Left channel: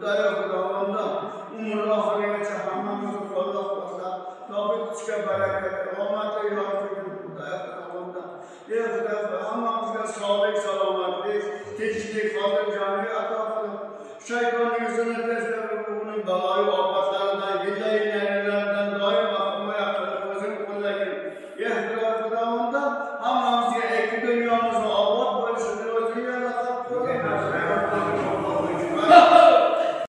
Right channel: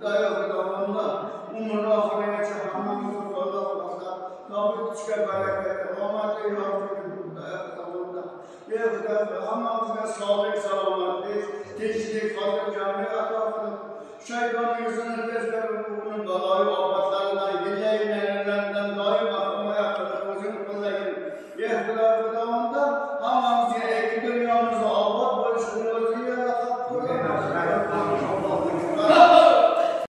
Hudaya Hudavanda, umurlu ahirete hamamızı kolla kolla, tabi kuşka berekete, omate yardımcı Hudaya Hudavanda. Ey Hudaya, hamamızda sağlık selametlik, teşvik, fazla cami atafı, şeytan yüzünü tezleri bunun belayı abatlarından, geceyi nerilerinden daim aklıma yaklaşık, özün kullayın. Ey Hudaya Hudavanda,